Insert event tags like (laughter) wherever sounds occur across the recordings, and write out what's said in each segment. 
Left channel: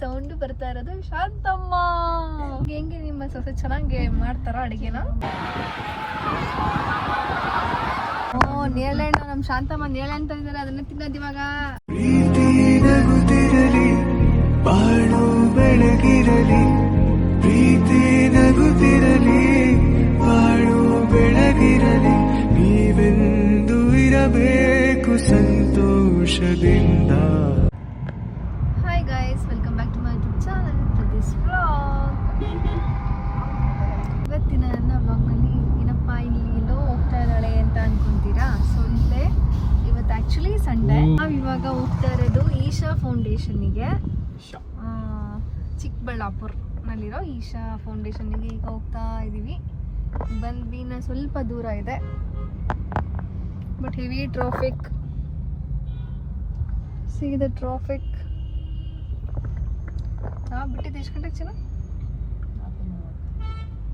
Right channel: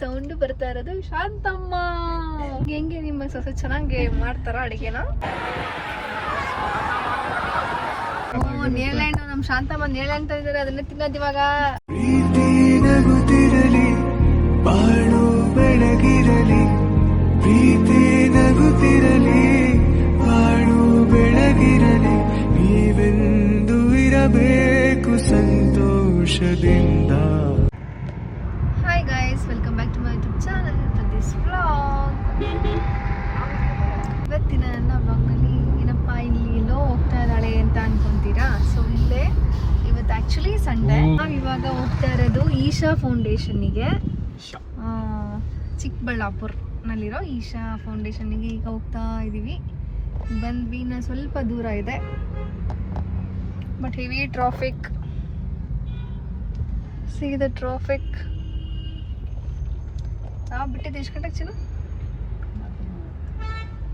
Sound ಬರ್ತಾ ಇರೋದು. ಶಾಂತಮ್ಮ! ಹೆಂಗೆ ನಿಮ್ಮ ಸೊಸೆ ಚೆನ್ನಾಗಿ ಮಾಡ್ತಾರ ಅಡಿಗೆನ? ಓ ನೇಲೆಣ್ಣು ನಮ್ ಶಾಂತಮ್ಮ ನೇಳೆಣ್ಣ ತಂದಿದ್ದಾರೆ. ಅದನ್ನ ತಿನ್ನೋದ್ ಇವಾಗ. ಪ್ರೀತಿ ನಗುತ್ತಿರಲಿ, ಬಾಳು ಬೆಳಗಿರಲಿ, ಪ್ರೀತಿ ನಗುತ್ತಿರಲಿ, ಬಾಳು ಬೆಳಗಿರಲಿ, ನೀವೆಂದು ಇರಬೇಕು ಸಂತೋಷದಿಂದ hi guys welcome back to my YouTube channel this vlog ಇವತ್ತಿನ ನನ್ನ ವ್ಲಾಗ್ನಲ್ಲಿ ಏನಪ್ಪ ಇಲ್ಲಿ ಎಲ್ಲೋ ಹೋಗ್ತಾ ಇದ್ದಾಳೆ ಅಂತ ಅನ್ಕೊಂತೀರಾ ಸೊ ಇಲ್ಲೇ ಆ್ಯಕ್ಚುಲಿ ಸಂಡೇ ನಾವು ಇವಾಗ ಹೋಗ್ತಾ ಇರೋದು ಈಶಾ ಫೌಂಡೇಶನ್ಗೆ ಚಿಕ್ಕಬಳ್ಳಾಪುರ್ನಲ್ಲಿರೋ ಈಶಾ ಫೌಂಡೇಶನ್ಗೆ ಈಗ ಹೋಗ್ತಾ ಇದ್ದೀವಿ ಬಂದ್ವಿ ನಾ ಸ್ವಲ್ಪ ದೂರ ಇದೆ. But heavy traffic see the traffic ನಾವು ಬಿಟ್ಟಿದ್ದು ಎಷ್ಟು ಗಂಟೆಗೆ ಚೆನ್ನ?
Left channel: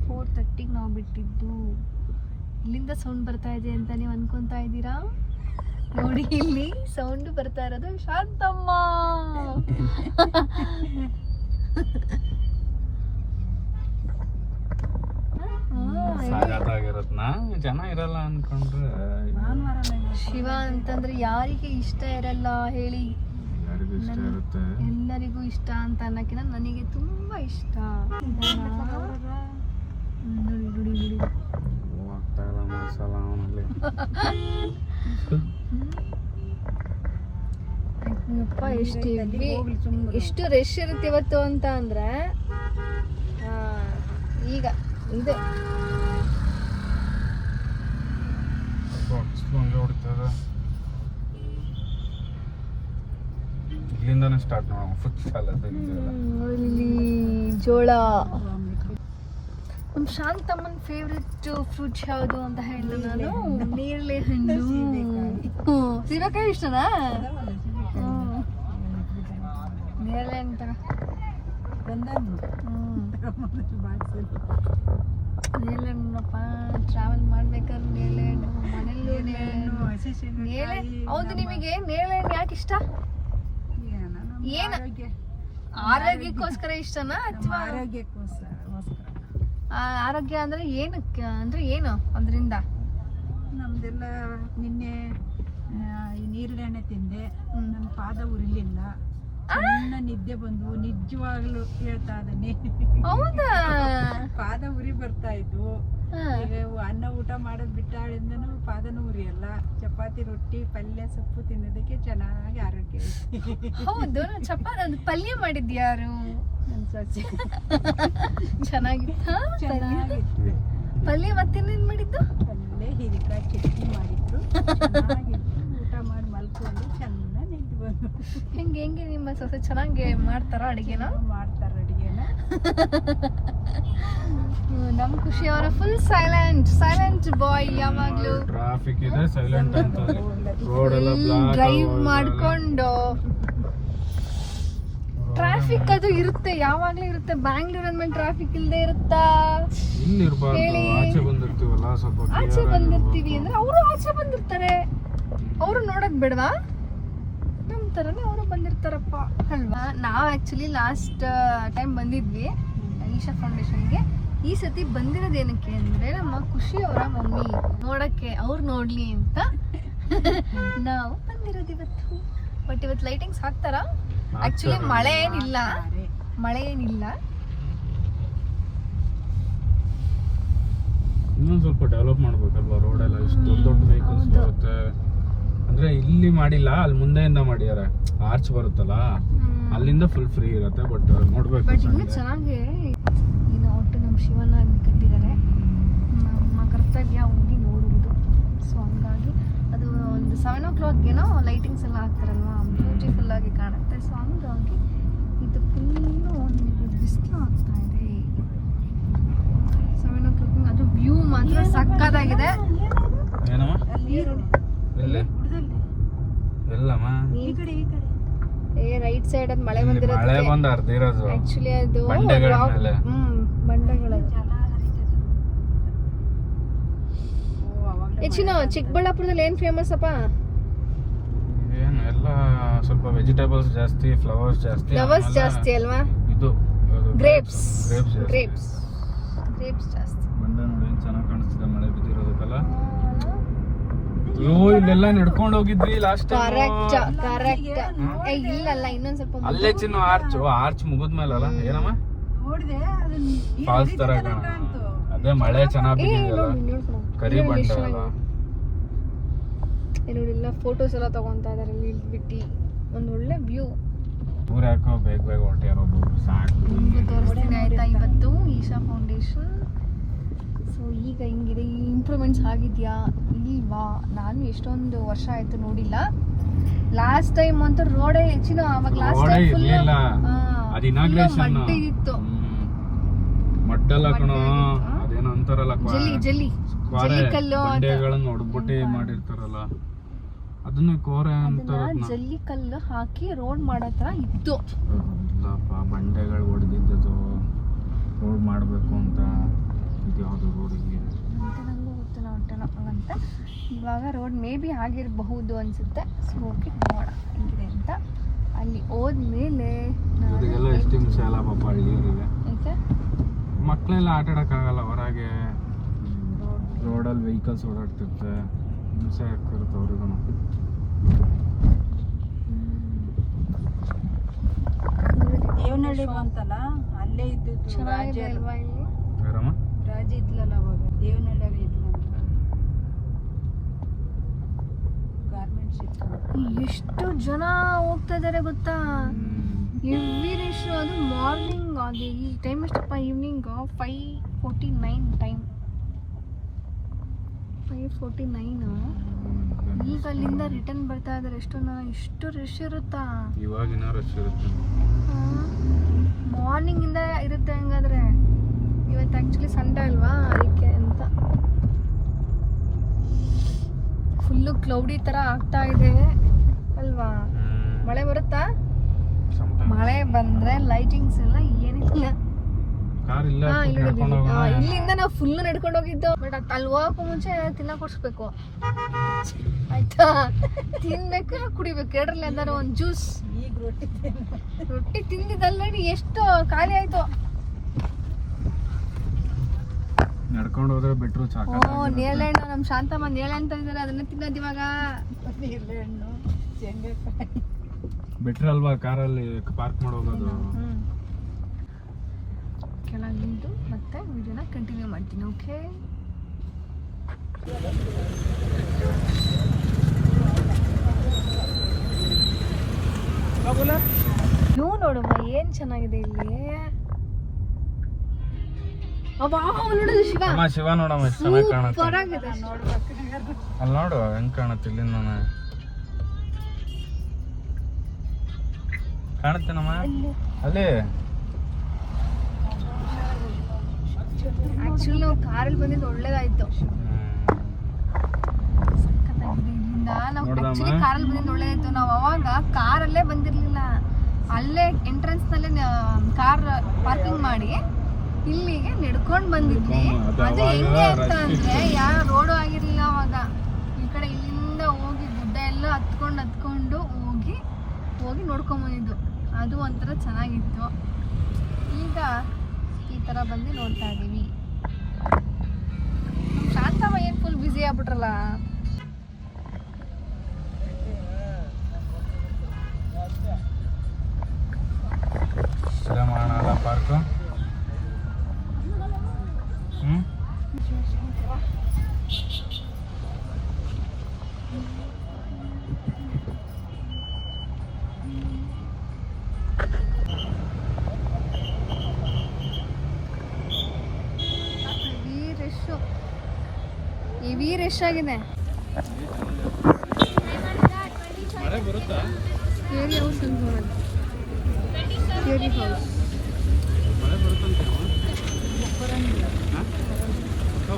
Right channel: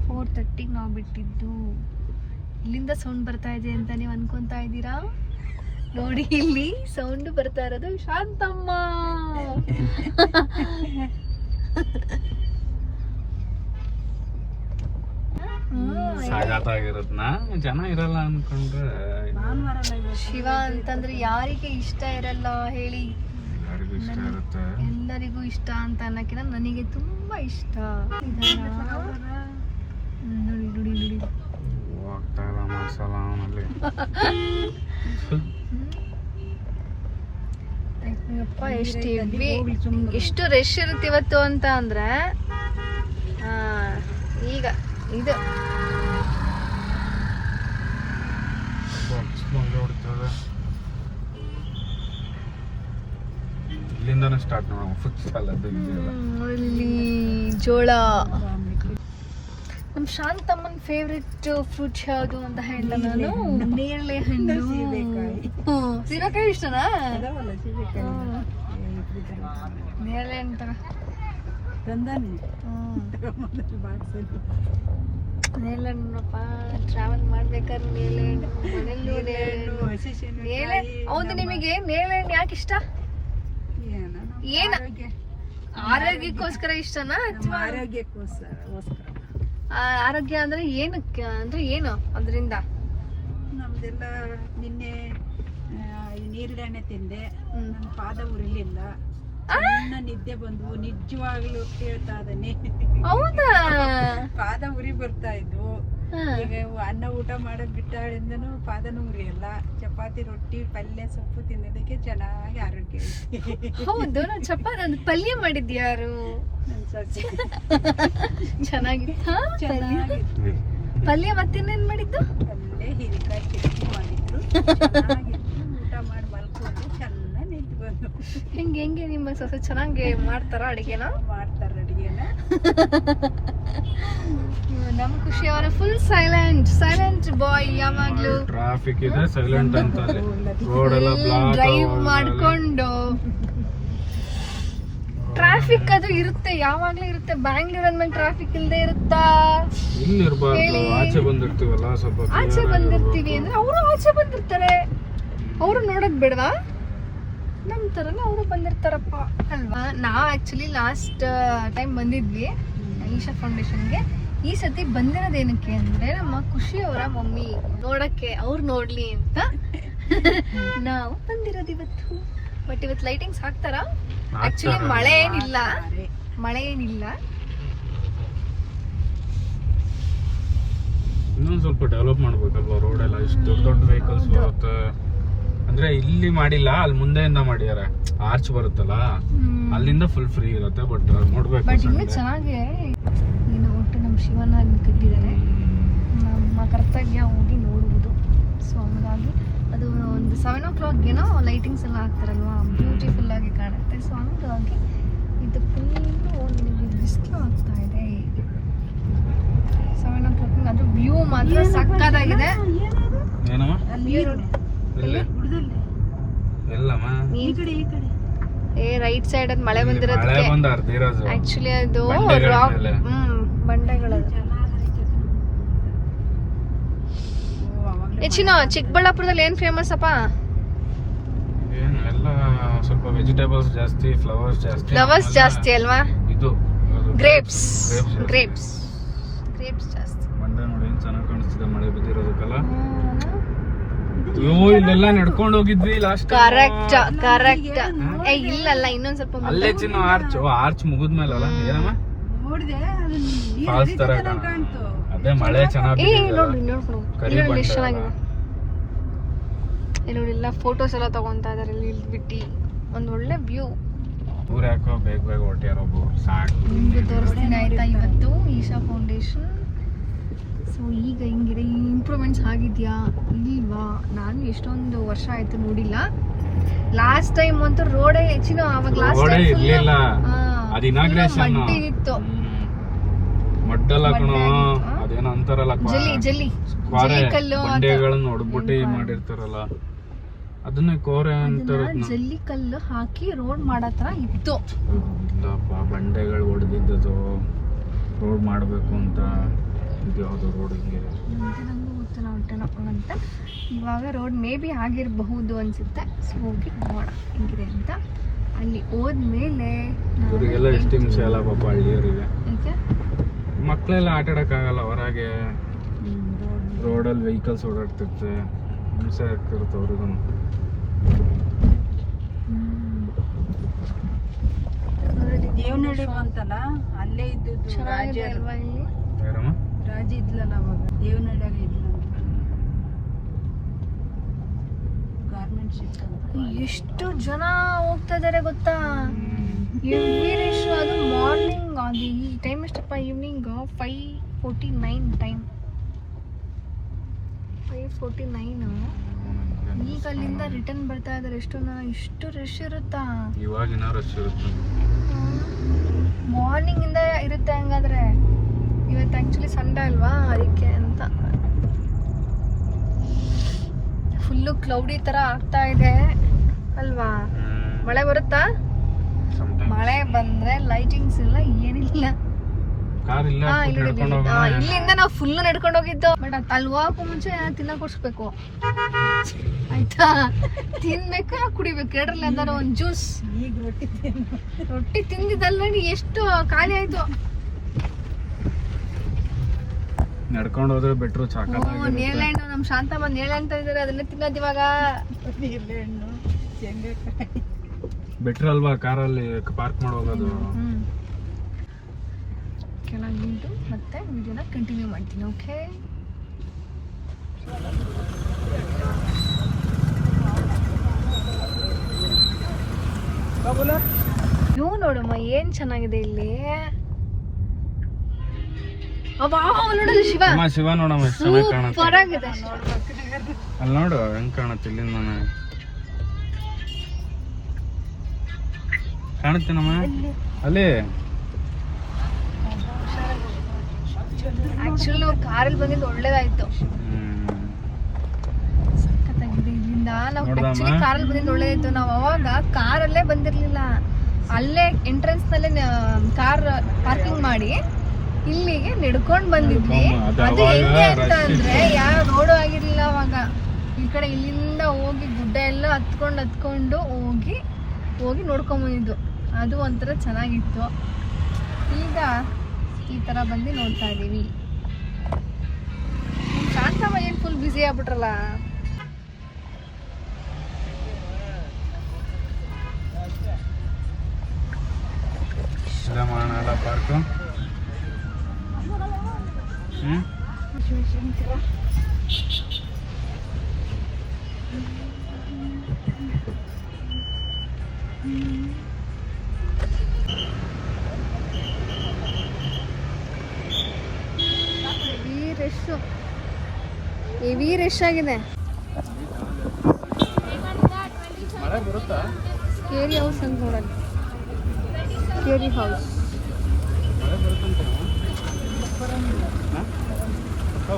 ಫೋರ್ ತರ್ಟಿಗೆ ನಾವು ಬಿಟ್ಟಿದ್ದು. ಇಲ್ಲಿಂದ ಸೌಂಡ್ ಬರ್ತಾ ಇದೆ ಅಂತ ನೀವು ಅನ್ಕೊತಾ ಇದ್ದೀರಾ? ನೋಡಿ ಇಲ್ಲಿ ಸೌಂಡ್ ಬರ್ತಾ ಇರೋದು ಶಾಂತಮ್ಮ. ಜನ ಇರಲ್ಲ ಅನ್ಕೊಂಡ್ರೆ ಶಿವ ಅಂತಂದ್ರೆ ಯಾರಿಗೆ ಇಷ್ಟ ಇರಲ್ಲ ಹೇಳಿ. ಎಲ್ಲರಿಗೂ ಇಷ್ಟ ಅಂತ ಅನ್ನಕ್ಕಿಂತ ನನಗೆ ತುಂಬಾ ಇಷ್ಟ. ನೋಡಿ ನೋಡಿ ನೋಡಿ. ಎಷ್ಟು ಎಷ್ಟು ರಶ್ ಇರುತ್ತೆ ಇವತ್ತು ಅಂತ ಅಂದ್ರೆ ಈಗ ಇದು. ಹೊಡ್ತವೆ ಇಲ್ಲಿಂದಾನೇ ಸ್ಟಾರ್ಟ್ ಮಾಡೋಣ. ಫುಟ್ ಸಾಲ ಅದು ಇಲ್ಲಿ ಜೋಳ. ನಮ್ ಶಾಂತಮ್ಮನ ಫೇವ್ರೆಟ್ ಫ್ರೂಟ್ ಯಾವುದು ಅಂತ ಹೇಳ್ದ ನಾನು? ನೇರಳೆ ಹಣ್ಣು. ಸೀರೆಕಾಯಿ ಇಷ್ಟನಾ. ನೇರಳೆ ಅಂತ. ನೇರಳೆ ಹಣ್ಣಪ್ಪ ಟ್ರಾವೆಲ್ ಮಾಡ್ಬೇಕಾದ್ರೆ ನೇರಳೆ ಹಣ್ಣು ಮನೇಲಿ ನೇರಳೆ ನೇರಳೆ ಹೌದು ನಿಮಗೆ ನೇರಳೆ ಹಣ್ಣು ಯಾಕೆ ಇಷ್ಟ? ಏನ? ಆರೋಗ್ಯಕ್ಕೋಸ್ಕರ ಇಷ್ಟನಾ ಆರೋಗ್ಯಕ್ಕೋಸ್ಕರ ಆರೋಗ್ಯ ಅಂದ್ರೆ ಏನು ಅಂದ್ರೆ ಏನು ಅದರಿಂದ? ನಮ್ದೆಲ್ಲ ನಿನ್ನೆ ಆ, ನೀರಿಳೆಣ್ಣೆ ತಿಂದೆ. ನನ್ನ ಪಾದ ಉರಿಲಿಲ್ಲ. ಸಣ್ಣ ನಿದ್ದೆ ಬಂದು ನಿಜವಾಗ್ಲೂ ಹೇಳ್ತಾ ಇದೀನಿ ಹೌದಾ? ಪಾದ ಉರಿ ಬರ್ತಾ ಇದ್ವು. ಈಗ ಅನ್ನ ಊಟ ಮಾಡೋದ್ ಬಿಟ್ಟಾಳಿಂದನೂ ಪಾದನೂ ಉರಿಯಲ್ಲ. ಚಪಾತಿ ರೊಟ್ಟಿ ಪಲ್ಯ ಸೊಪ್ಪು ತಿನ್ನೋದಕ್ಕೆ ಚೆನ್ನಾಗಿ ಆರೋಗ್ಯ ಹೌದು ನಾನು ಚಪಾತಿ ಅಂದ್ರೆ ಪಲ್ಯ ಮಾಡಿದ್ದು ಯಾರು? ನನ್ನ ಸೊಸೆ. ಚೆನ್ನಾಗಿ ಚೆನ್ನಾಗಿತ್ತು. ಪಲ್ಯ ಮತ್ತಿನ್ನೇನ್ ಮಾಡಿದ್ದು? ಅಲ್ಲೇ ಹೀರೆಕಾಯಿ ಚಟ್ನಿ ಮಾಡಿದ್ರು. ಚೆನ್ನಾಗಿತ್ತು. ಊಟ ಮಾಡಿ ಮಲ್ಕೊಂಡು ಚೆನ್ನಾಗಿ ನಿಂತು ಬಂದು ಹೆಂಗೆ ಹೆಂಗೆ ನಿಮ್ಮ ಸೊಸೆ? ಚೆನ್ನಾಗಿ ಮಾಡ್ತಾರ ಅಡಿಗೆನ? ಮಾಡ್ತಾರೆ. ಅಡುಗೆನ (laughs) ನಮ್ ಖುಷಿ ಅವರ ಫುಲ್ ಸೈಲೆಂಟ್ ಸೈಲೆಂಟ್ ಬಾಯ್ ಯಾವಾಗ್ಲೂ. ಟ್ರಾಫಿಕ್ ಇದೆ ಸೈಲೆಂಟ್ ಅಂತ ಡ್ರೈವ್ ಮಾಡ್ಕೊಂಡು. ಟ್ರಾಫಿಕ್ ಅದು ಇರುತ್ತೆ ಯಾವಾಗ್ಲೂ ಇರುತ್ತೆ. ಬ್ಯಾಂಗ್ಳೂರ್ ಅಂದ್ಮೇಲೆ ಟ್ರಾಫಿಕ್ ಇಲ್ಲದೆ ಇರುತ್ತಾ? ಹೇಳಿ. ಆಚೆ ಬಂದಿರ್ತೀವಲ್ಲ ಸ್ವಲ್ಪ ಆಚೆ ಬಂದಿರ್ತೀವಿ. ಅಂದ್ರೆ ಅವರು ಆಚೆ ಬಂದಿರ್ತಾರೆ. ಅವರು ನೋಡೋದ್ ಬಿಡ್ವಾ? ನಮ್ ತರನೇ ಅವರು ಬಂದಿರ್ತಾರಪ್ಪ. ಅಲ್ವಾ? ನಾವು ಆ್ಯಕ್ಚುಲಿ ಲಾಸ್ಟ್ ಟೈಮ್ ಬಂದಿದ್ವಿ ಈಶಾ ಫೌಂಡೇಶನ್ಗೆ ಈ ಸತಿ ಬಂದಿರೋದೇನಕ್ಕೆ ಅಂದ್ರೆ ನಮ್ಮ ಖುಷಿ ಅವರ ಮಮ್ಮಿ ನೋಡಕ್ಕೆ ಅವ್ರು ನೋಡ್ಲಿ ಅಂತ. ನಾವು ಬಂದಿರೋದು ಇವತ್ತು. ಬಟ್ ಇವತ್ತು ಲೈಟಿಂಗ್ಸ್ ಹಾಕ್ತಾರ? ಆ್ಯಕ್ಚುಲಿ ಮಳೆ ಏನಿಲ್ಲ. ಮಳೆ ಏನಿಲ್ಲ. ಇನ್ನೊಂದ್ ಸ್ವಲ್ಪ ಡೆವಲಪ್ ಮಾಡ್ಬೇಕಲ್ವಾ? ರೋಡ್ ಎಲ್ಲ ಇಷ್ಟು ದೊಡ್ಡ ದೊಡ್ಡ ವೆಹಿಕಲ್ಸ್ ಬರುತ್ತೆ. ಅಂದ್ರೆ ಇಲ್ಲಿ ಮಾಡಿಲ್ಲ ಅಲ್ಲಿ ಮುಂದೆಯಿಂದ ಮಾಡಿದಾರೆ. ಆರ್ಚ್ ಬರುತ್ತಲ್ಲ ಅಲ್ಲಿಂದ ಫುಲ್ ಫ್ರೀ ಇರುತ್ತೆ ಬಟ್ ನೋಡ್ಬೇಕು ಬಟ್ ಇನ್ನೂ. ಚೆನ್ನಾಗಿ ಏನು ಒಟ್ಟು ನಮ್ಮ ಶಿವನ ಅಲ್ಲಿ ಕಟ್ಟಿದ್ದಾರೆ ನಮ್ಮ ಕರ್ತವ್ಯ ಹೋಗಿ ನೋಡುವುದು ಸೊ ಹಂಗಾಗಿ ಅದು ಒಂದು ಸೆವೆನ್ ಓ ಕ್ಲಾಕ್ಗೇನೋ ಲೈಟಿಂಗ್ಸ್ ಎಲ್ಲ ಹಾಕ್ತಾರಲ್ವಾ ಬ್ಯೂಟಿಫುಲ್ ಆಗಿ ಕಾಣುತ್ತೆ. ಸೊ ಹಂಗಾಗಿ ಇದು ಫುಲ್ಲು ನಿಮಗೆ ಬಿಸಿಲು ಆಗ್ತಾ ಇದೆ. ಸೆವೆನ್ ಓ ಕ್ಲಾಕ್ ಅದು ವ್ಯೂ ಮಾತ್ರ ಸಕ್ಕತ್ತಾಗಿದೆ. ಏನಮ್ಮ? ಎಲ್ಲಮ್ಮ ಈ ಕಡೆ ಈ ಕಡೆ. ಏ ರೈಟ್ ಸೈಡ್ ಅದು ಮಳೆ ಬಂದಿರೋದು ಮಳೆ ಬಂದಿರೋದಕ್ಕೆ ಬಂದ ಅರ್ಧ ಇರೋದು. ಆಕ್ಚುಲಿ ಅದು ರಾಕ್. ಹ್ಮ್ ಬಂಡೆಗಳು. ಹೆಚ್ಚಿನ ಚಿಕ್ಕಬಳ್ಳಾಪುರದಲ್ಲಿ ಏನ್ ಫೇಮಸ್ ಅಪ್ಪ? ಏನು ಎಲ್ಲ ಸ್ವಲ್ಪ ವೆಜಿಟೇಬಲ್ಸ್ ಜಾಸ್ತಿ ಫ್ಲವರ್ಸ್ ಜಾಸ್ತಿ ಫ್ಲವರ್ಸ್ ಜಾಸ್ತಿ ಅಲ್ವಾ? ಇದು ಗ್ರೇಪ್ಸ್ ಗ್ರೇಪ್ಸ್ ಜಾಸ್ತಿ ಬಂದೆ ನೋಡಿ ಏನ್ ಚೆನ್ನಾಗಿ ಕಾಣಿಸ್ತಿದೆ ಮಳೆ ಬಿದ್ದಿರೋದಕ್ಕೆಲ್ಲ ಅಯ್ಯೋ ಇಲ್ಲೆಲ್ಲ ನಡ್ಕೊಂಡು ಹೋಗಿದ್ವಿ ಲಾಸ್ಟ್ ಕರೆಕ್ಟ್ ಕರೆಕ್ಟ್ ಏ ಇಲ್ಲಲ್ಲ ಇನ್ನೊಂದ್ ಸ್ವಲ್ಪ ಮುಂದೆ. ಅಲ್ಲೇ ಚಿನ್ನ ಆರ್ಚ್ ಆರ್ಚ್ ಮುಗಿದ್ಮೇಲಲ್ಲ? ಏನಮ್ಮ? ನೋಡಿದೆ ಫಾಲ್ಸ್ ತರ ಕಾಣ್ತು. ಅದೇ ಮಳೆ ಚೆನ್ನಾಗಿ ಏ ನೋಡಿ ನೋಡ್ಕೊಂಡು ಕರಿ ಇಲ್ಲಿ ಎಷ್ಟು ಬಂಡೆ ಚೆನ್ನಾಗಿದೆ ಏ ನೋಡಿ ಎಲ್ಲ ಫೋಟೋಸ್ ಎಲ್ಲ ತಗೊಂತಾ ಇದಾರೆ ಇಲ್ಲಿ ಬಿಟ್ಟು ಒಂದ್ ಒಳ್ಳೆ ವ್ಯೂ ಊರ್ ಯಾಕೋ ಬೇಗ ಬೇಗ ಹೊಟ್ಟಿಯಾರ ಒಬ್ಬರು ಸಾಕು. ನಿಮ್ಗೆ ತೋರಿಸ್ತೀನಿ ಆಯ್ತಾ ಇವತ್ತು ಈಶಾ ಫೌಂಡೇಶನ್ ಸೊ ಈಗ ಹಿಂಗಿದೆ ಇಂಪ್ರೂವ್ಮೆಂಟ್ಸ್ ಆಗಿದೆಯಾ? ಇಲ್ವಾ? ನಾನು ಎಷ್ಟೊಂದು ವರ್ಷ ಆಯ್ತು ನೋಡಿಲ್ಲ. ಲಾಸ್ಟ್ ಟೈಮ್ ಅಂತೂ ರೋಡೇ ಹೆಚ್ಚಿನ ಅವಾಗ ಲಾಸ್ಟ್ ಟೈಮ್ ಫುಲ್ ಮಡ್ಡಿ ಇತ್ತು. ಮಡ್ಡಲ್ಲ ಕಣೋ ಮಡ್ಡೆ ಅದೇನೋ ಅಂತಾರಲ್ಲ ಜಲ್ಲಿ ಜಲ್ಲಿ. ಜಲ್ಲಿ ಕಲ್ಲು ಬಂಡೆಗಳನ್ನ ಮಾಡಿರ್ತಾರಲ್ಲ. ಅದನ್ನೇ ಕೋರೆ ಅಂತ ಜಲ್ಲಿ ಕಲ್ಲು ಹಾಕಿ ರೋಡ್ ಮಾಡೋ ತರ ಇತ್ತು. ಇಲ್ಲಪ್ಪ ಬಂಡೆಗಳು ಹೊಡೆದಿದ್ದದು ರೋಡ್ ಮಾಡಬೇಕು ಅಂತ. ಇದು ಯಾವುದು ರೋಡ್ ಹಿಂಗೆ. ಅಂತ ನಂಗೂ ಗೊತ್ತು ನಾವು ಹೊಟ್ಟೆನೋ ಅಂತ ಇವಾಗ ರೋಡ್ ಮೇ ಬಿ ಆಗಿರಬಹುದು ಅನ್ಸುತ್ತೆ. ಸೊ ಹೋಗಿ ನೋಡೋಣ ಹೆಂಗಿದೆ ಅಂತ. ಅಲ್ಲಿ ಹೋದ್ಮೇಲೆ ಇವರಿಗೆಲ್ಲ ಎಷ್ಟು ಹಿಂಸೆ ಅಲ್ಲ ಪಾಪ ಹಳ್ಳಿಯವರಿಗೆ. ಮಕ್ಕಳೆಲ್ಲ ಆಟ ಆಗಲ್ಲ ಹೊರಗೆ ರೋಡಲ್ಲಿ ವೆಹಿಕಲ್ಸ್ ಓಡಾಡ್ತಿರ್ತೆ. ಹಿಂಸೆ ಆಗ್ತಿರುತ್ತೆ ಅವ್ರಿಗೂ ಜೀವನ ಅಂತಲ್ಲ ಅಲ್ಲೇ ಇದ್ದು ಚೆನ್ನಾಗಿದೆ ಅಲ್ವಾ ಇಲ್ಲಿ? ಎಷ್ಟು ಜನ ಹೋಗ್ತಾ ಇದಾರೆ ಗೊತ್ತಾ ಎವ್ರಿ ಅದು ಮಾರ್ನಿಂಗ್ ಅದು ಈ ಟೈಮ್ ಎಷ್ಟಪ್ಪ evening five forty nine time five forty nine ಈಗ ಅಲ್ಲಿಂದ ರಿಟರ್ನ್ ಬರ್ತಾ ಇದಾರೆ ಎಷ್ಟು ಜನ ಇಷ್ಟು ರಶ್ ಇರುತ್ತಾ? ಇವಾಗಿನ ರಶ್ ಇರುತ್ತೆ. ಮಾರ್ನಿಂಗ್ ಇಂದ ಇರುತ್ತೆ ಹಂಗಾದ್ರೆ. ಇವತ್ತು ಆಕ್ಚುಲಿ ಸಂಡೆ ಅಲ್ವಾ? ಅದಕ್ಕೆ ಅಂತ. ಫುಲ್ಲು ಕ್ಲೌಡಿ ತರ ಆಗ್ತಾ ಇದೆ ಅಲ್ವಾ ಮಳೆ ಬರುತ್ತಾ ಮಳೆ ಬಂದ್ರೆ ಲೈಟಿಂಗ್ಸ್ ಇಲ್ಲ ಏನಿಲ್ಲ. ಕಾರ್ ಇಲ್ಲ ನಡ್ಕೊಂಡು ಹೋಗೋಣ. ಇಲ್ಲಿಂದ ನಾವು ಫುಲ್ ನಡ್ಕೊಂಡು ಹೋಗಿದ್ದು. ಬಟ್ ಅಲ್ಲಿ ಹೋಗಕ್ಕೂ ಮುಂಚೆ ತಿನ್ನ ಕೊಡ್ಸ್ಬೇಕು. ಆಯ್ತಾ? ತಿನ್ಬೇಕು ಕುಡಿಬೇಕು. ಎರಡ್ರಲ್ಲಿ ಯಾವ್ದಾರ ಒಂದ್ ಜ್ಯೂಸ್ ಈಗ ರೊಟ್ಟಿ ತಿಂದಿದ್ದಲ್ಲ ಎಷ್ಟು ಖಾಲಿ ಆಯ್ತು. ನಡ್ಕೊಂಡು ಹೋದ್ರೆ ಬೆಟ್ರು ಓ ಸಾಕಾಗ ನೇಳೆಹಣ್ಣು ನಮ್ ಶಾಂತಮ್ಮ ನೇಳೆಹಣ್ಣು ಇದಾರೆ ಅದನ್ನ ತಿನ್ನೋದು ಇವಾಗ. ಬೆಟ್ರ್ ಅಲ್ವಾ ಕಾರಲ್ಲಿ ಪಾರ್ಕ್ ಮಾಡೋದು ಕೆಳಗೆ ನಿಂತು ಮತ್ತೆ ವಿಡಿಯೋನ ಕಂಟಿನ್ಯೂ ಮಾಡ್ತೀನಿ ಓಕೆ ನೀವು ನೋಡಮ್ಮ ಏನ್ ಚೆನ್ನಾಗಿದೆ ಇಲ್ಲಿ? ಶಿವ? ನೋಡಮ್ಮ ಚೆನ್ನಾಗಿ ಅಲ್ಲಿ ನೋಡು ಹೆಂಗ್ ಕಾಣುತ್ತೆ ಇಲ್ಲಿಂದ ಕಾಣುತ್ತೇನಮ್ಮ ಅಲ್ಲಿ. ಆಕ್ಚುಲಿ ನಾವು ಕಾರಲ್ಲಿ ಬಂದಿದ್ದು ಒಳ್ಳೇದಾಯ್ತು. ಇಲ್ಲಿಂದ ನಾವು? ಆಕ್ಚುಲಿ ಕಾರಲ್ಲಿ ಬಂದಿದ್ದು ಒಳ್ಳೇದಾಯ್ತು. ನಾವು ಅವಾಗ ಕಾರಲ್ಲೇ ಬಂದಿರಲಿಲ್ಲ. ಅಲ್ಲೇ ಎಂಟ್ರೆನ್ಸ್ ನಲ್ಲೇ ಕಾರ್ ಪಾರ್ಕಿಂಗ್ ಮಾಡಿ ಇಲ್ಲಿಗೆ ನಡ್ಕೊಂಡ್ ಬಂದಿದ್ವಿ. ಅದು ಹೆಂಗೆ ಅಂತ ಅಂದ್ರೆ ಯಾವ ರೋಡು ಆಗಿರ್ಲಿಲ್ಲ ಅವಾಗ. ಈ ಕಡೆ ಇಲ್ಲಿಂದ ಹೋಗಿ ಗುಡ್ಡ ಎಲ್ಲ ಹತ್ಕೊಂಡು ಹತ್ಕೊಂಡು ಹೋಗಿ ಹೋಗಿ ನೋಡ್ಕೊಂಡ್ ಬಂದಿದ್ದು. ಅದು ಒಂಥರ ಚೆನ್ನಾಗಿತ್ತು. ಈಗ ಈ ಥರ ಬಂದು ನೋಡ್ತಾ ಇದ್ದೀವಿ. ಶಾಂತಮ್ಮ ಏನು ಫುಲ್ ಬ್ಯುಸಿ ಆಗ್ಬಿಟ್ರಲ್ಲ? ಪಾರ್ಕು ರಶ್ ಹೆವಿ ರಶ್ ಆಗಿದೆ. ಮಳೆ ಬರುತ್ತಾ? ಕೇರಿ ಹೌಸ್ ಅಂತ ನೋಡೋಣ. ಕೇರಿ ಹೌಸ್ ಮಳೆ ಬರುತ್ತಂತೆ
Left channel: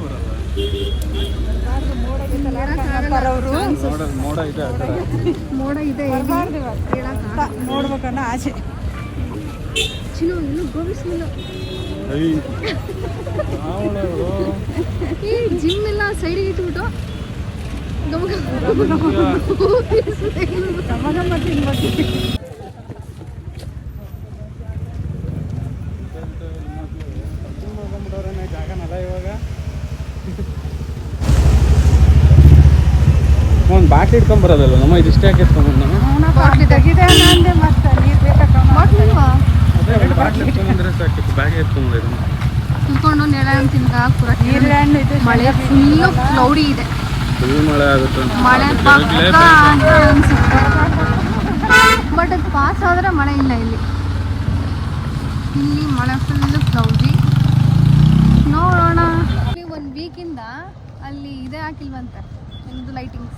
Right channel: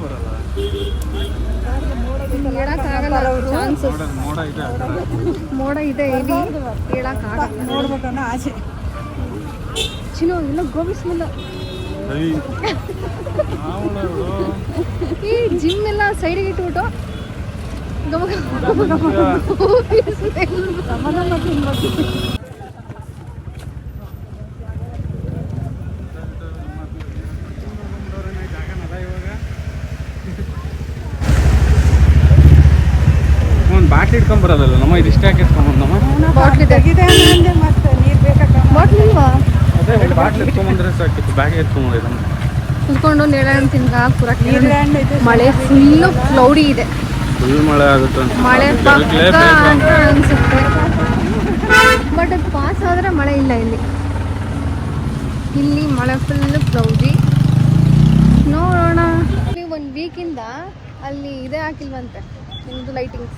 ಬರಲ್ಲ. ಹೇಳಕ್ಕಾಗಲ್ಲ ಮೋಡ ಇದೆ ಮೋಡ ಇದೆ ಹೆವಿ ಹೇಳಕ್ಕಾಗಲ್ಲ ನೋಡ್ಬೇಕನ್ನ ಆಸೆ. ಚಿನ್ನು ಎಲ್ಲ ಗೋಬಿ ಸ್ಮೆಲ್. ಈ ಜಿಮ್ ಎಲ್ಲ ಸೈಡಿಗೆ ಇಟ್ಬಿಟ್ಟು ಒಂದು ಮಳೆ ಫುಲ್ಲು ಕ್ಲೌಡಿ ಇದೆ. ಮಳೆ ಪಕ್ಕ ಅಂತ ಅನ್ಸುತ್ತೆ. ಬಟ್ ಅದು ಪಾಸ್ ಆದ್ರೆ ಮಳೆ ಇಲ್ಲ ಇಲ್ಲಿ. ಇಲ್ಲಿ ಮಳೆ ಫುಲ್ ಕ್ಲೌಡಿ ನೋಡೋಣ. ಇಲ್ಲಿ ಒಂದು ವೀಕಿಂದ ಅಲ್ಲಿ ಇದೇ ಹಾಕಿಲ್ವಂತೆ ನಿಮ್ಮದು ಲೈಟಿಂಗ್ಸ್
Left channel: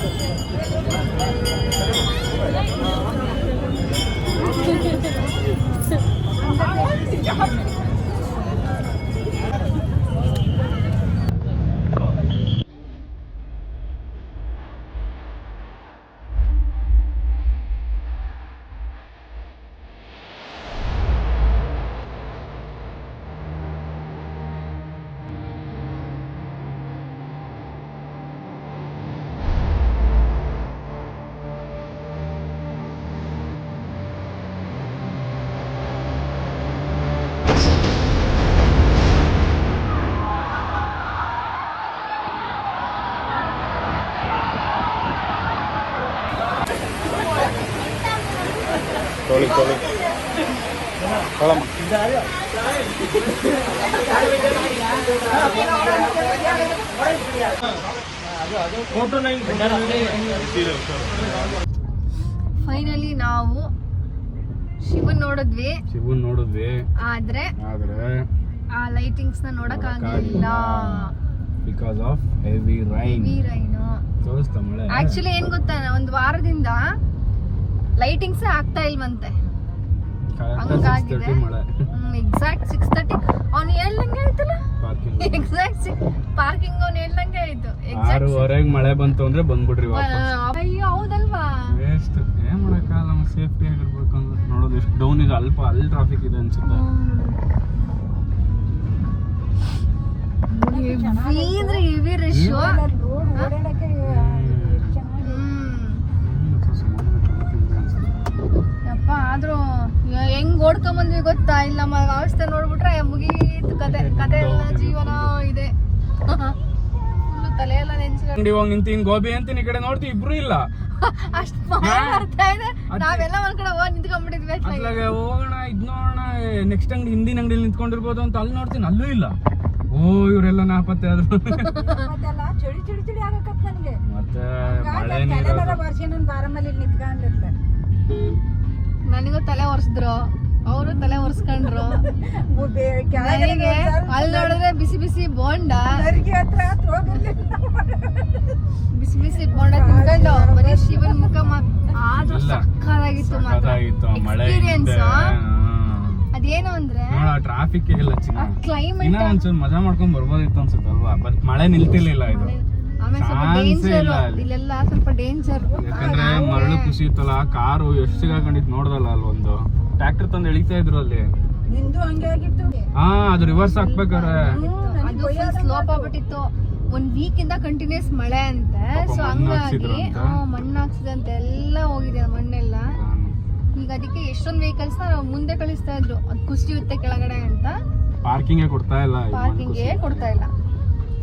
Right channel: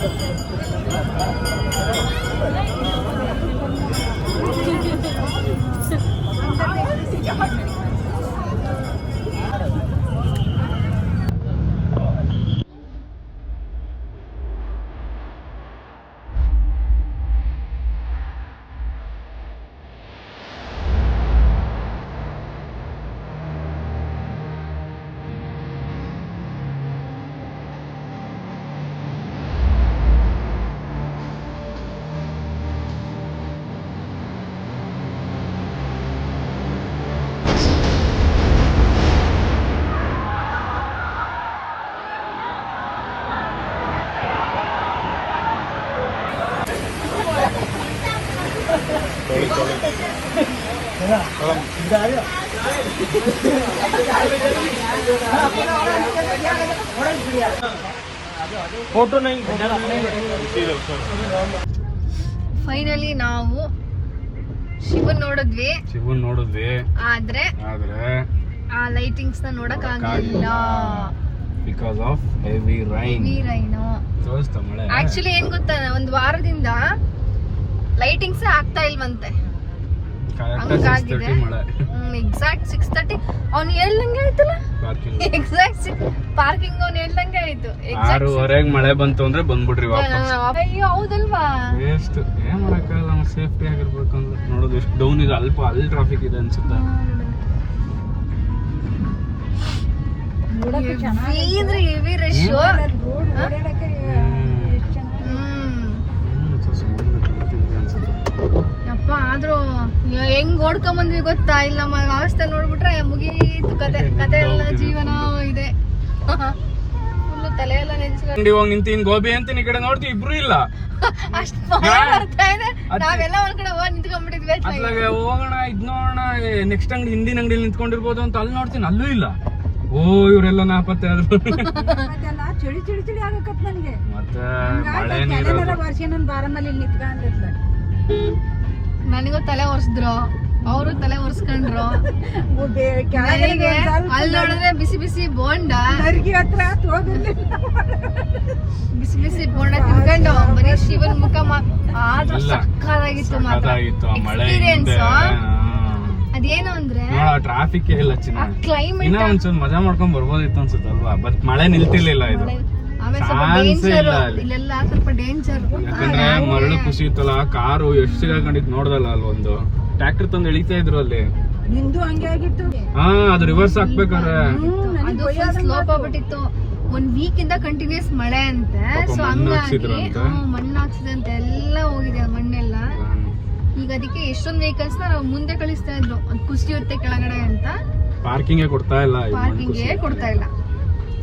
何? ಫೈನಲಿ ನಾವು ಶಿವನ್ ನೋಡಿದ್ವಿ. ಶಿವನ್ ನೋಡಿದ್ವಿ. ಆದ್ರೆ ಆದ್ರೆ ಆ ಲೈಟಿಂಗ್ಸ್ನ ನೋಡಕ್ ಆಗಲಿಲ್ಲ. Because of heavy rain heavy rain actually ಏನ್ ಗೊತ್ತಾ ಒಂದ್ ವಾರದಿಂದ ಲೈಟಿಂಗ್ಸ್ ಆಗ್ತಾ ಇಲ್ವಂತೆ. ಹಂಗಾಗಿದೆ. ಎಕ್ಸಾಕ್ಟ್ ಸಿಕ್ಸ್ ತರ್ಟಿ ಅವ್ನು ಎಲ್ಲಿ ಆಯ್ತಲ್ಲ? Parking. ಎಕ್ಸಾಕ್ಟ್ ಪಾರ್ಕಿಂಗ್ ಅವ್ನು ಹೇಳ್ದಂಗೆ ಆಯ್ತು. ಆರೂವರೆಗೆ ಮಳೆ ಬಂತು ಅಂದ್ರೆ ಬಂದ್ಬಿಡ್ರಿ ವಾಪಸ್. ಅಯ್ಯೋ ಹೌದಲ್ವಾ? ಎಷ್ಟು ಏನ್ ಮಾಡಕ್ಕಾಗಲ್ಲ ನಾವು ಸೇಫ್ಟಿ ಆಗಿರ್ಬೇಕು ಅಂತ ನೋಡೋದು ಎಷ್ಟು ಡೌನ್ ಇದೆ ಅಲ್ಪ ಅಲ್ಲಿ ಟ್ರಾಫಿಕ್ ಇದೆ ಅನ್ಸುತ್ತೆ. ಇದ್ರೆ ಹೆವಿ ರಶ್ ಯಪ್ಪ ಆದ್ರೂ ಹೆಂಗ್ ಓಡ್ಕೊಂಬಂದ್ವಿ ಗೊತ್ತಾ? ಇಲ್ಲ ನಮ್ಮ ಅವಸ್ಥೆ ನೋಡ್ಬಿಟ್ರೆ ಮುಗೀತು ಕತೆ. ಕತೆ ಎಲ್ಲ ಜೀವನ ಇದೆ. ಫುಲ್ ತಲೆ ಎಲ್ಲ ನೆನ್ಸ್ಕೊಂಡು ಅಂಗಡಿ ಹೋಗಿ ನಿಂತೀನಿ ಗೋಬಿ ಅಂತೀನಿ ಈ ಕಡೆ ನೋಡ್ತೀವಿ ಇಬ್ರು ಇಲ್ಲ. ಅಷ್ಟ್ ಇದೆ. ನಾವೆಲ್ಲ ಒಂದ್ ಕಡೆ ಹೋಗಿ ನಿಂತ್ಕೊಂಡ್ಬಿಟ್ಟಿದ್ವಿ. ಅದ್ರಾಗೆ ಹೋಗೋಣ ಇದ್ ನೋಡೋಣ ನೆಕ್ಸ್ಟ್ ಅಂಗಡಿ ಹಿಂದಿನ ಅಂಗಡಿಲಿ ನಿಂತ್ಕೊಂಡಿರ್ಬೋದು ಅಂತ ಅಲ್ಲಿ ನೋಡ್ತೀನಿ ಅಲ್ಲೂ ಇಲ್ಲ. ಓ ಇವರೆಲ್ಲ ನಾಪತ್ತೆ ಆದ್ರು. ಮತ್ತೆಲ್ಲ ಚಳಿ ಚಳಿ ಚಳಿ ಆಗಕತ್ ನನಗೆ. ಮತ್ತೆ ಮಳೆ ನೀರು. ತಲೆನೆಲ್ಲ ವರ್ಷ ನನಗೂ ತಲೆ ಒರೆಸಿದ್ರು. ಅವರು ತಲೆ ಒರೆಸ್ಕೊಂಡ್ರು. ನನಗೆ ಅಲ್ಲಿ ನೋಡಿದ್ರೆ ಬಿಸಿ ಬಿಸಿ ಬೋಂಡ. ಬಿಸಿ ಬಿಸಿ ಬೋಂಡ ತಿನ್ಕೊಂಡು ಬರೀ ಶಿವನ್ ಮುಖ ಮಾತ್ರ ಆದ್ರೂ. ಸಕ್ಕದಾಗಿತ್ತು ಮಾತ್ರ. ಆ ಮಳೆ ಎಕ್ಸ್ಪೀರಿಯನ್ಸ್. ಅದೇನು ಅಂದ್ರೆ ನೋಡ ಟ್ರಾಫಿಕ್ ಇಲ್ಲ ಚಿನ್ನ. ಕ್ಲೈಮೇಟ್ ಇನ್ನ ಒಂಚೂರು ಮಜಾ ಮಾಡ್ಕೊಂಡ್ ಬರ್ಬೋದಿತ್ತು ಅನ್ಸುತ್ತಲ್ವಾ ಬಟ್ ಮಳೆ ನಿಲ್ತಿರ್ಲಿಲ್ಲ ಇದು. ಆಮೇಲೆ ಸ್ವಲ್ಪ ಡೇಂಜರ್ ಇಲ್ಲ ಇಲ್ಲೆಲ್ಲ ಸ್ವಲ್ಪ ಡೇಂಜರ್ ಯಾಕಂದ್ರೆ ಮರಳು ಇತ್ತಲ್ಲ? ಕಾರು ಎಷ್ಟು ಸಿಗಾಕೊಂಡಿದ್ ನೋಡ್ದಲ್ಲ ಅಲ್ಲಿ ಒಂದು. ಟ್ರ್ಯಾಕ್ಟರ್ ತಂದು ಎಳಿತಾ ಇದ್ರು ಅಲ್ಲಿ. ನಿಂದು ಹಂಗೆ ಆಗಿತ್ತು. ಹಾ ಅದು ರಿವರ್ಸ್ ಹಾಕ್ಬೇಕಾರೆ ಅದು ಫುಲ್ ಸ್ಲೋಪ್ ಆಗ್ಬಿಟ್ಟಿತ್ತು. ಒಂದ್ ವೀಕ್ ಇಂದ ಕಂಟಿನ್ಯೂಸ್ ಮಳೆ ಅಂತೆ. ಸೊ ಹಂಗಾಗಿ ಮಣ್ಣು ಹಾಕ್ಸಿದಂತೆ ಎಲ್ಲ ಹೋಗಿದೆ ಮಣ್ಣೆಲ್ಲ. ಈಗ ಅದಕ್ಕೆ ಎಷ್ಟೊಂದು ವೆಹಿಕಲ್ಸ್ನ ನಾವು ಮುಂದೆ ಕಳಿಸ್ತಾ ಇದ್ರು. ಅದು ಕುಸಿಯುತ್ತೆ ಕೆಳಗಡೆ ಅಂತ. ಪಾರ್ಕಿಂಗ್ ಕೊಡ್ತಾ ಇಲ್ಲ ಪಾರ್ಕಿಂಗ್ ಕೊಡ್ತಾ ಇಲ್ಲ.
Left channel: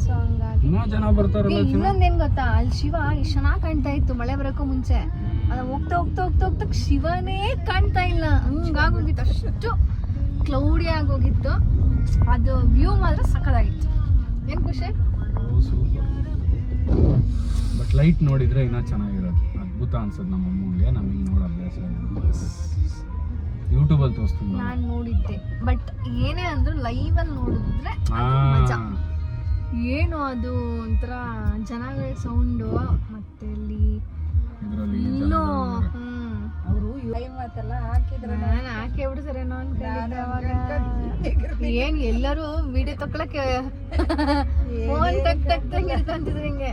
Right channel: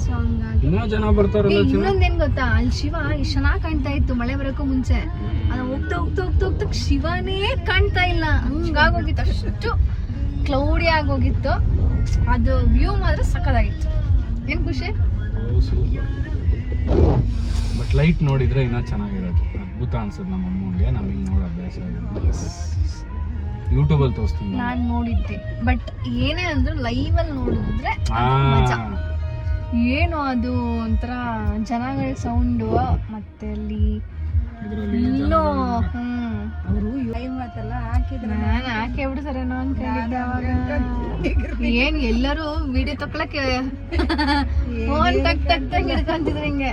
ಸೊ ಹಂಗಾಗಿ. ಇನ್ನೊಂದೇನ್ ಗೊತ್ತಾ? ಅಲ್ಲಿ ಶಿವ ಎಷ್ಟು ಚೆನ್ನಾಗ್ ಕಾಣ್ತಾ ಇತ್ತು ಮಳೆ ಬರೋಕ್ಕೂ ಮುಂಚೆ. ಅದ ಹೋಗ್ತಾ ಹೋಗ್ತಾ ಹೋಗ್ತಾ ಹೋಗ್ತಾ ಶಿವನೇ ಕಾಣ್ತಾ ಇಲ್ಲ. ಹಂಗಾಗೋಗಿತ್ತು. ಅಷ್ಟು ಕ್ಲೌಡಿ ಆಗೋಗಿತ್ತು. ಅದು ವ್ಯೂ ಮಾತ್ರ ಸಕ್ಕದಾಗಿತ್ತು ಏನು ಖುಷಿ? ಬಟ್ ಲೈಟ್ ನೋಡಿದ್ರೆ ಇನ್ನೂ ಚೆನ್ನಾಗಿರೋದು ಅದ್ಭುತ ಅನ್ಸುತ್ತೆ ನಮ್ಮ ಅಮ್ಮಂಗೆ ನಮಗೆ ನೋಡೋ ಅಭ್ಯಾಸ ಯೂಟ್ಯೂಬಲ್ಲಿ ತೋರಿಸ್ತೀನಿ ನಾನು. ನೋಡಿದ್ದೆ. ಬಟ್ ಏನೇ ಅಂದ್ರು ಲೈವ್ ಅಲ್ಲಿ ನೋಡಿದ್ರೆ ಏನು ಅದು ಒಂಥರ ಜನಗಳ ಸೌಂಡು ಮತ್ತೆ ಅಲ್ಲಿ ಇದ್ರಲ್ಲಿ ನಾನು ಹಾಕಿ ಬಿಡ್ತಾರೇನೋ ಅನ್ಕೊಂಡಿದ್ದೆ ಅವಾಗ. ಏನ್ ಎಲ್ಲರೂ ವಿಡಿಯೋ ತಕೊಳಕ್ಕೆ ಫೋನ್ ತಕ್ ತಕ್ ತಕ್ ಹಿಡ್ಕೊಂತಿದ್ರು ಹಿಂಗೆ.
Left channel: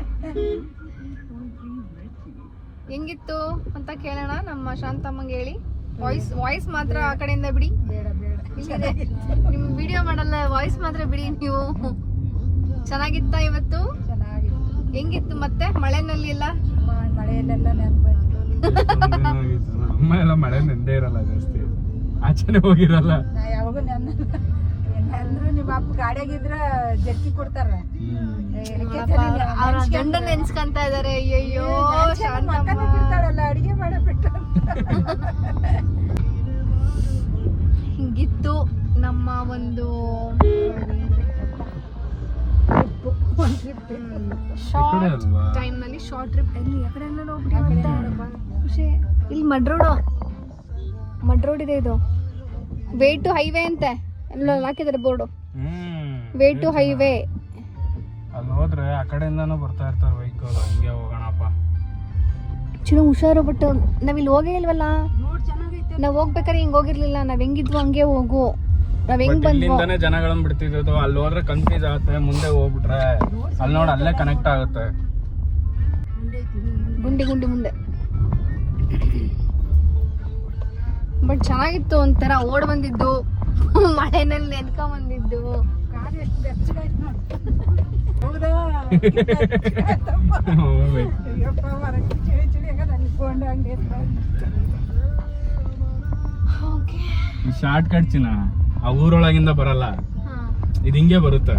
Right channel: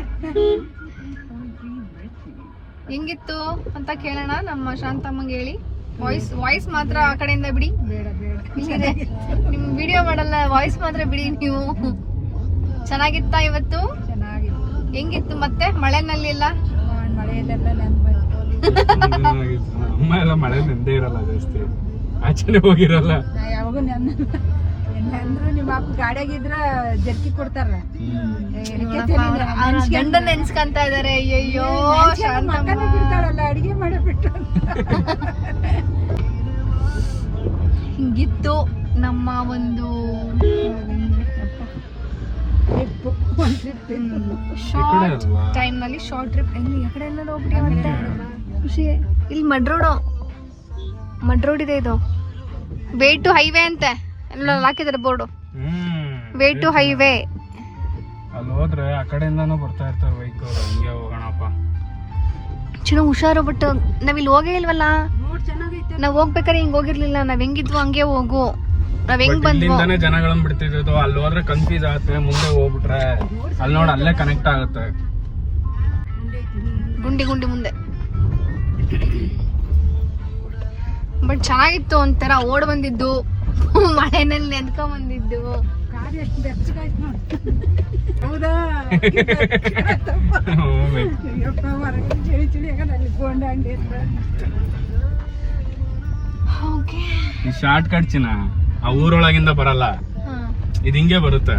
ಹೆಂಗಿತ್ತು ಅಂತ ಕೇಳೋಣ ನಮ್ಮ ಶಾಂತಮ್ಮಂಗೆ ಹೇಳಿ. ವಾಯ್ಸ್ ವಾಯ್ಸ್ ಮಾತ್ರ ಆ ಕಡೆಯಿಂದ ಬಿಡಿ. ನಿಮ್ ವಿಡಿಯೋ ಮಾಡಲ್ಲ ವಾಯ್ಸ್ ಮಾತ್ರ ಬಿಡಿ ನೀವು. ಚೆನ್ನಾಗಿತ್ತಾ. ಇವತ್ತು? ಹೆಂಗಿತ್ತು ಮತ್ತೆ? ಮಳೆನಲ್ಲಿ ಎಲ್ಲ ಆ, ಮಳೆಯಲ್ಲೆಲ್ಲ ನೆನ್ಪಾಯ್ತು ಅಮ್ಮ ಎಲ್ಲ ಮಳೆ ನೆಂದೇ ಇರಲ್ಲ ಜಾಸ್ತಿ. ಆಚೆನೆ ಹೋಗಿರಲ್ಲ. ಯಾವಾಗೂ ನಿಮ್ಮ ಅಪ್ಪ ಗಾಡಿಯಾಗಿದ್ರ ಜರ್ಕಿ ಕೊಡ್ತಾರ. ನೆನ್ಸ್ಕೊಂತ ಇದಾರೆ. ಅಯ್ಯಯ್ಯೋ ಶಾಂತಮ್ಮ. ಬಿಡ್ತಾಳಲ್ಲ ಅಡಿಗೆ ಮಾಡಿಬಿಟ್ಟು ಹಿಂಗಿತ್ತು ನಮ್ಮ ಒಂದು ಶಾರ್ಟ್? ಟೈಮ್ನಲ್ಲಿ ಶಾರ್ಟ್ ಟ್ರಿಪ್ ಎಲ್ಲಿ? ಆ ಕಡೆ ಎಲ್ಲ ಹೋಗ್ಬಿಡಿ ಮತ್ತೆ? ಖುಷಿ. ಇಲ್ಲಿ ಮಡ್ ರೋಡು. ಮಡ್ ರೋಡ್ ಇದೆ ಇದು. ವೇ ಟು ಹೈವೇ ಅಂತೆ. ಎಲ್ಲ ಹಾಕಿದ್ದಾರೆ board. Hmm. Way to highway. ಅಲ್ಲಿ ಹೋದ್ರೆ ಆ ಕಡೆಯಿಂದಾನು ಬರ್ತಾ ಇರ್ತಾರೆ ಬೈಕ್ ಹಂಗೆ ಹೋಗೋಣಪ್ಪ. ಚಲೋ ಹುಷಾರು ಬಟ್ ನಾವಿಲ್ಲಿ ಇಲ್ಲಿ ಹೋಗೇ ಇಲ್ವಲ್ಲ? ನೋಡ್ ಚೆನ್ನಾಗೈತೆ. ನಾವ್ ಹೋಗ್ಬೇಕಾರೆ ಹಿಂಗ್ ಹೋಗಿರ್ಲಿಲ್ಲ. ನಾವ್ ಹೆಂಗಿದ್ವು ಹಂಗೆ ಹೋಗು. ನಾವ್ ಹೆಂಗ್ ಇಲ್ಲಿಂದಾನೇ ಜನಗಳನ್ನ ಬಿಡ್ತಿದ್ದು ಅಲ್ಲಿ ಹೋದ್ರೆ ಕನ್ಫ್ಯೂಸ್ ಆಗುತ್ತೆ. ಮುಂದೆ ಹೋಗ್ಬಿಟ್ರೆ ಅಲ್ಲಿ ನೋಡಿ ಅಲ್ಲೇ ಕನೆಕ್ಟ್ ಆಗುತ್ತೆ. ಗುಂಡಿ ಗುಂಡಿ. ಚೆನ್ನಾಗಿತ್ತು ಒಂಥರ ಓಡ್ ಬಂದಿದ್ದು. ಮಳೆನಲ್ಲಿ ನೆನ್ಕೊಂಡ್ ಬಂದಿದ್ದು ಶಾರ್ಟ್ ಕಟ್ ಚಿನ್ನ ಆ ಊರೊಳಗಿಂದ ಬರಲ್ಲ. ಇದು ಹಿಂಗೆ ಬರುತ್ತೆ.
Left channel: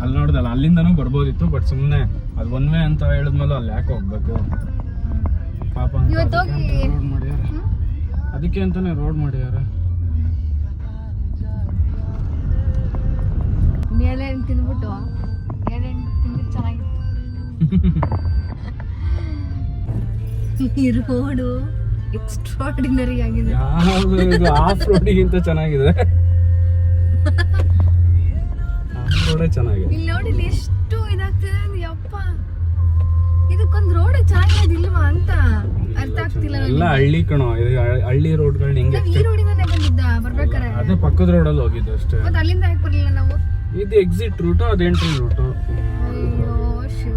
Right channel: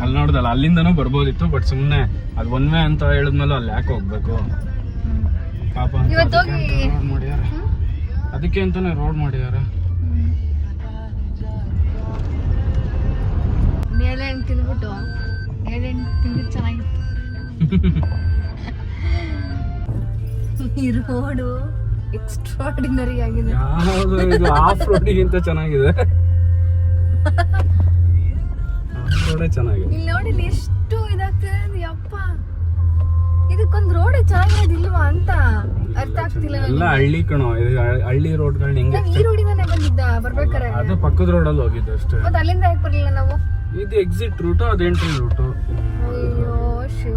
ಅಲ್ಲಿ ನೋಡ್ದಲ್ಲ ಅಲ್ಲಿಂದನೂ ಬರ್ಬೋದಿತ್ತು ಬಟ್ ಸುಮ್ಮನೆ ಅದು ಒನ್ ವೇ ಅಂತ ಹೇಳಿದ್ಮೇಲೆ ಅಲ್ಲಿ ಯಾಕೆ ಹೋಗ್ಬೇಕು? ಪಾಪ ಇವತ್ತು ಹೋಗಿ. ಅದಕ್ಕೆ ಅಂತಾನೆ ರೋಡ್ ಮಾಡಿದಾರೆ. ನೇಳೆಹಣ್ಣು ತಿಂದ್ಬಿಟ್ಟು ನೇಳೆಹಣ್ಣು ತಿಂದಿದ್ದು ಚೆನ್ನಾಗಿತ್ತು. ಈ ರೋಡು ಎಕ್ಸ್ಟ್ರಾರ್ಡಿನರಿ ಆಗಿದೆ. ಆಫ್ ರೋಡಿಗಿಂತ ಚೆನ್ನಾಗಿದೆ. (laughs) ಆಫ್ ರೋಡೇ ಚೆನ್ನಾಗಿದೆ. ಇಲ್ಲಿ ನೋಡಿ ಎಷ್ಟು ಇದಾಗ್ತದೆ ಅಪ್ಪ ಯಪ್ಪ. ಇದಕ್ಕೊಂದು ರೋಡ್ ಚೆನ್ನಾಗಿರೋದಿಲ್ವಾ ಅಂತ ಅರ್ಥ ಆಗ್ತಿಲ್ಲ ಎಲ್ಲ ಹಳ್ಳಿ ಕಣೋ ಇದು ಹಳ್ಳಿ ರೋಡ್ಗಳು ಹಿಂಗೆ ನಾವ್ ಈ ರೋಡಿಂದಾನೆ ಬಂದಿದ್ದ ಬರ್ಬೇಕಾರೆ? ಅದೇ ಪಕ್ಕದ ರೋಡಲ್ಲಿ ಹೋಗಿದ್ದು ಅಷ್ಟೇ. ಮತ್ತೆ ಅಲ್ಲಿಂದ ಯಾಕೆ ಬರಲಿಲ್ಲ ನಾವು? ಇದು ಎಕ್ಸಿಟ್ ರೂಟ್ ಅದು ಎಂಟ್ರಿ ರೂಟ್ ಅಯ್ಯೋ ಶಿವ.